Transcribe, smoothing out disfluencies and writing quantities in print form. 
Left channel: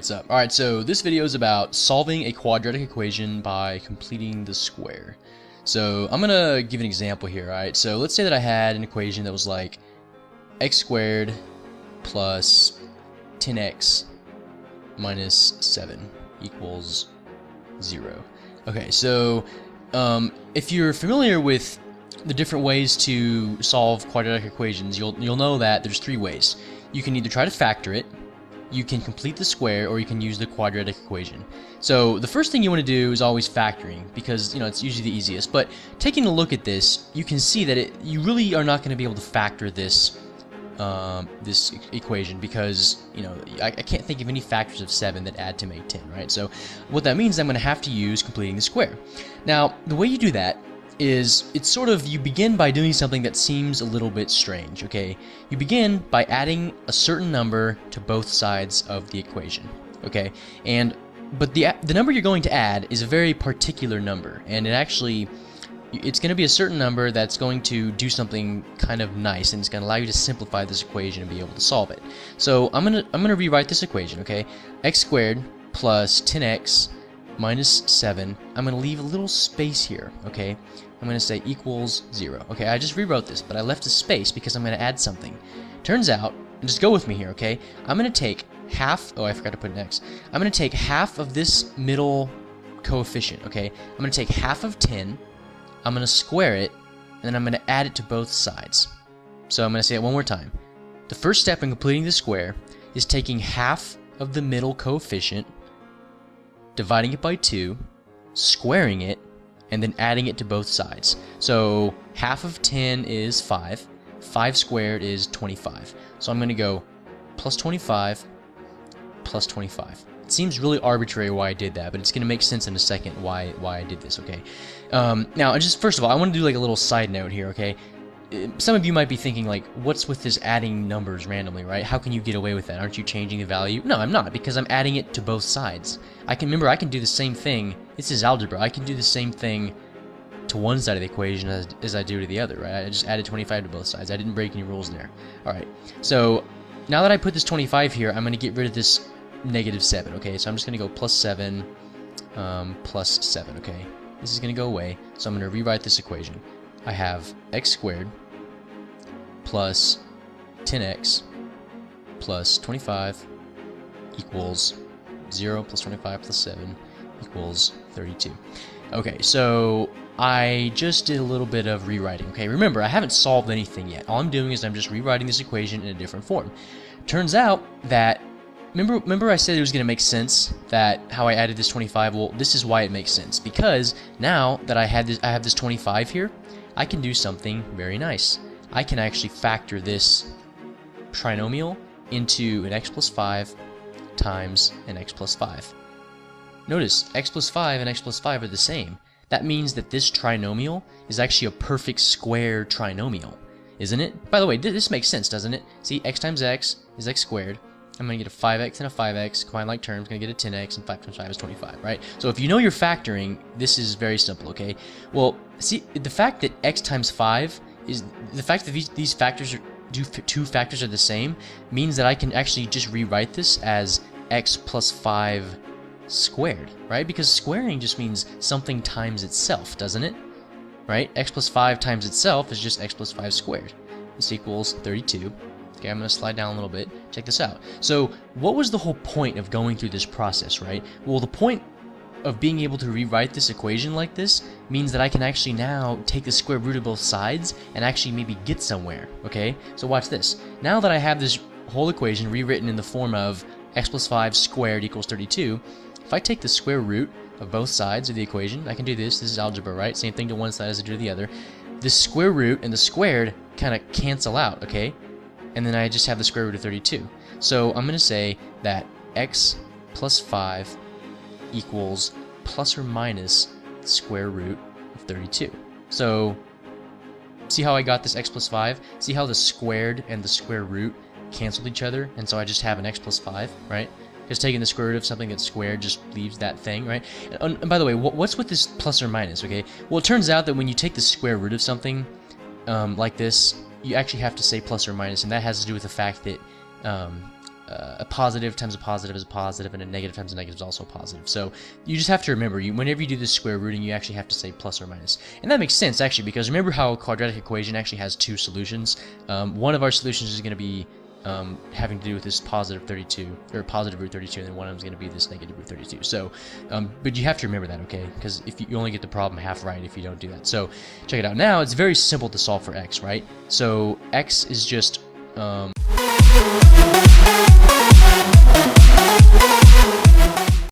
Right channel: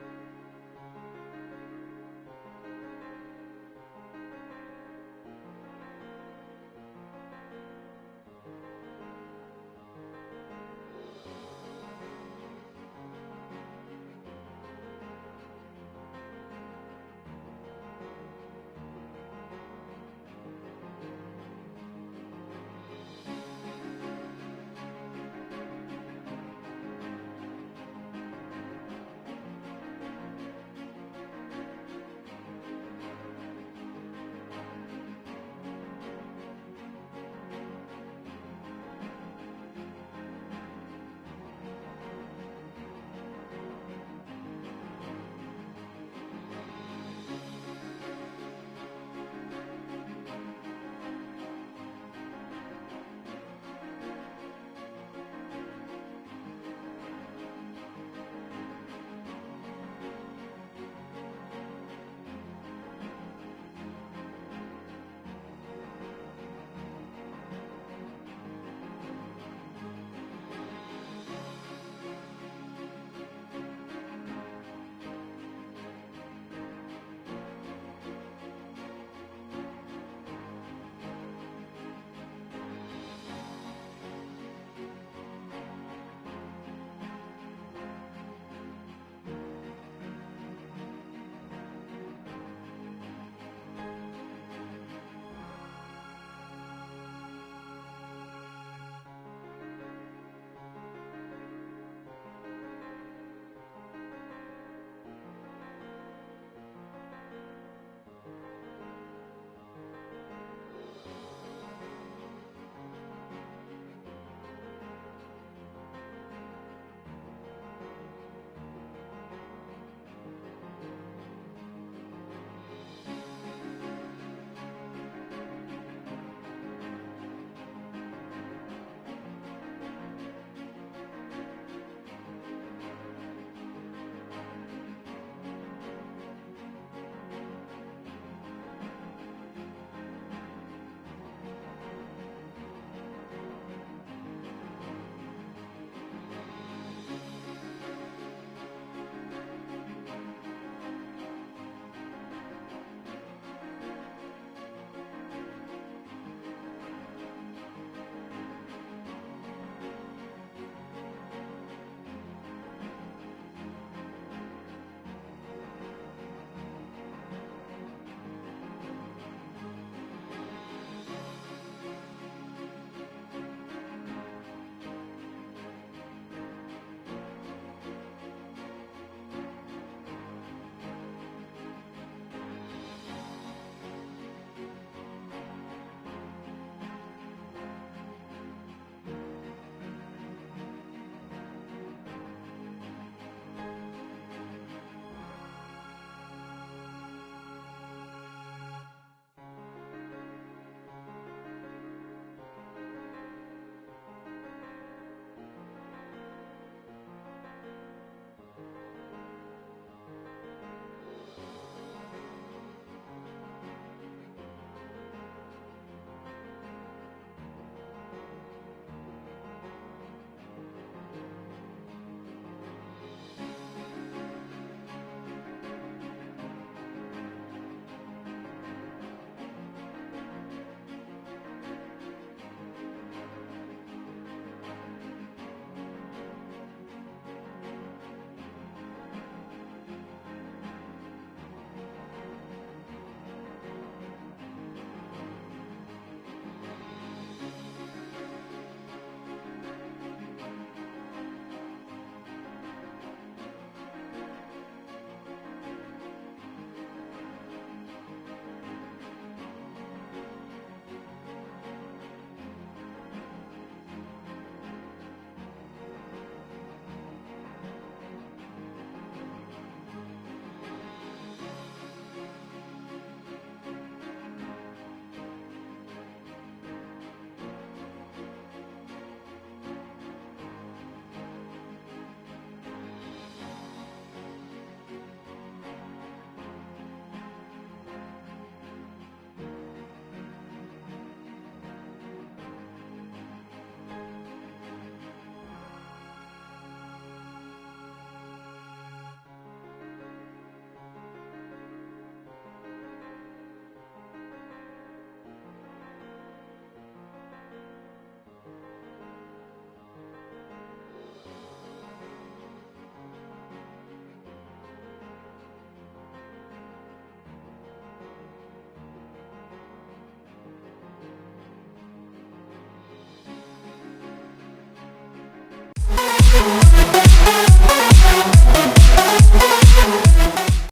what's up? Alright, so this video is about solving a quadratic equation by completing the square. So I'm gonna give an example here, alright? So let's say that I had an equation that was like x squared plus 10x minus 7 equals 0. Okay, so if you're familiar with the different ways to solve quadratic equations, you'll know that there's three ways. You can either try to factor it, you can complete the square, or you can use the quadratic equation. So the first thing you want to do is always factoring, because it's usually the easiest. But taking a look at this, you can see that you really are not going to be able to factor this this equation, because I can't think of any factors of 7 that add to make 10, right? So what that means is I'm going to have to use completing the square. Now the way you do that is it's sort of, you begin by doing something that seems a little bit strange, okay? You begin by adding a certain number to both sides of the equation, okay? But the number you're going to add is a very particular number, and it's going to be a certain number that's going to do something kind of nice, and it's going to allow you to simplify this equation and be able to solve it. So I'm gonna rewrite this equation, okay? X squared plus 10x minus 7. I'm going to leave a little space here, okay? I'm going to say equals 0. Okay, I just rewrote this, but I left a space because I'm going to add something. Turns out, just go with me here, okay? I'm going to take half, oh, I forgot to put an x. I'm going to take half of this middle coefficient, okay? I'm going to take half of 10, I'm going to square it, and then I'm going to add it to both sides. So I'm going to say it one more time. The first step in completing the square is taking half of the middle coefficient, dividing it by 2, squaring it, and then adding it to both sides. So half of 10 is 5. 5 squared is 25. So I'm going to go plus 25 plus 25. It seems really arbitrary why I did that, but it's going to make sense in a second why I did this, okay? Now, just first of all, I want to do like a little side note here, okay? Some of you might be thinking, like, what's with this adding numbers randomly, right? How can you get away with that? Aren't you changing the value? No, I'm not, because I'm adding it to both sides. I can do the same thing. This is algebra. I can do the same thing to one side of the equation as I do to the other, right? I just added 25 to both sides. I didn't break any rules there. All right. So now that I put this 25 here, I'm going to get rid of this negative 7, okay? So I'm just going to go plus 7, plus 7, okay? This is going to go away, so I'm going to rewrite this equation. I have x squared plus 10x plus 25 equals 0 plus 25 plus 7 equals 32. Okay, so I just did a little bit of rewriting. Okay, remember, I haven't solved anything yet. All I'm doing is I'm just rewriting this equation in a different form. Turns out that, remember I said it was going to make sense that how I added this 25? Well, this is why it makes sense, because now that I have this 25 here, I can do something very nice. I can actually factor this trinomial into an x plus 5 times an x plus 5. Notice, x plus 5 and x plus 5 are the same. That means that this trinomial is actually a perfect square trinomial, isn't it? By the way, this makes sense, doesn't it? See, x times x is x squared. I'm going to get a 5x and a 5x, combine like terms, going to get a 10x, and 5 times 5 is 25, right? So if you know you're factoring, this is very simple, okay? Well, see, the fact that x times 5 is, the fact that these factors two factors are the same, means that I can actually just rewrite this as x plus 5 squared, right? Because squaring just means something times itself, doesn't it? Right? X plus 5 times itself is just x plus 5 squared. This equals 32. Okay, I'm going to slide down a little bit. Check this out. So what was the whole point of going through this process, right? Well, the point of being able to rewrite this equation like this means that I can actually now take the square root of both sides and actually maybe get somewhere, okay? So watch this. Now that I have this whole equation rewritten in the form of x plus 5 squared equals 32, if I take the square root of both sides of the equation, I can do this. This is algebra, right? Same thing to one side as I do to the other. The square root and the squared kind of cancel out, okay? And then I just have the square root of 32. So I'm going to say that x plus 5 equals plus or minus the square root of 32. So see how I got this x plus 5? See how the squared and the square root canceled each other? And so I just have an x plus 5, right? Just taking the square root of something that's squared just leaves that thing, right? And by the way, what's with this plus or minus, okay? Well, it turns out that when you take the square root of something like this, you actually have to say plus or minus, and that has to do with the fact that a positive times a positive is a positive, and a negative times a negative is also a positive. So you just have to remember, whenever you do this square rooting, you actually have to say plus or minus. And that makes sense, actually, because remember how a quadratic equation actually has two solutions? One of our solutions is going to be having to do with this positive 32, or positive root 32, and then one of them is going to be this negative root 32. So, but you have to remember that, okay? Because if you only get the problem half right if you don't do that. So, check it out. Now, it's very simple to solve for x, right? So, x is just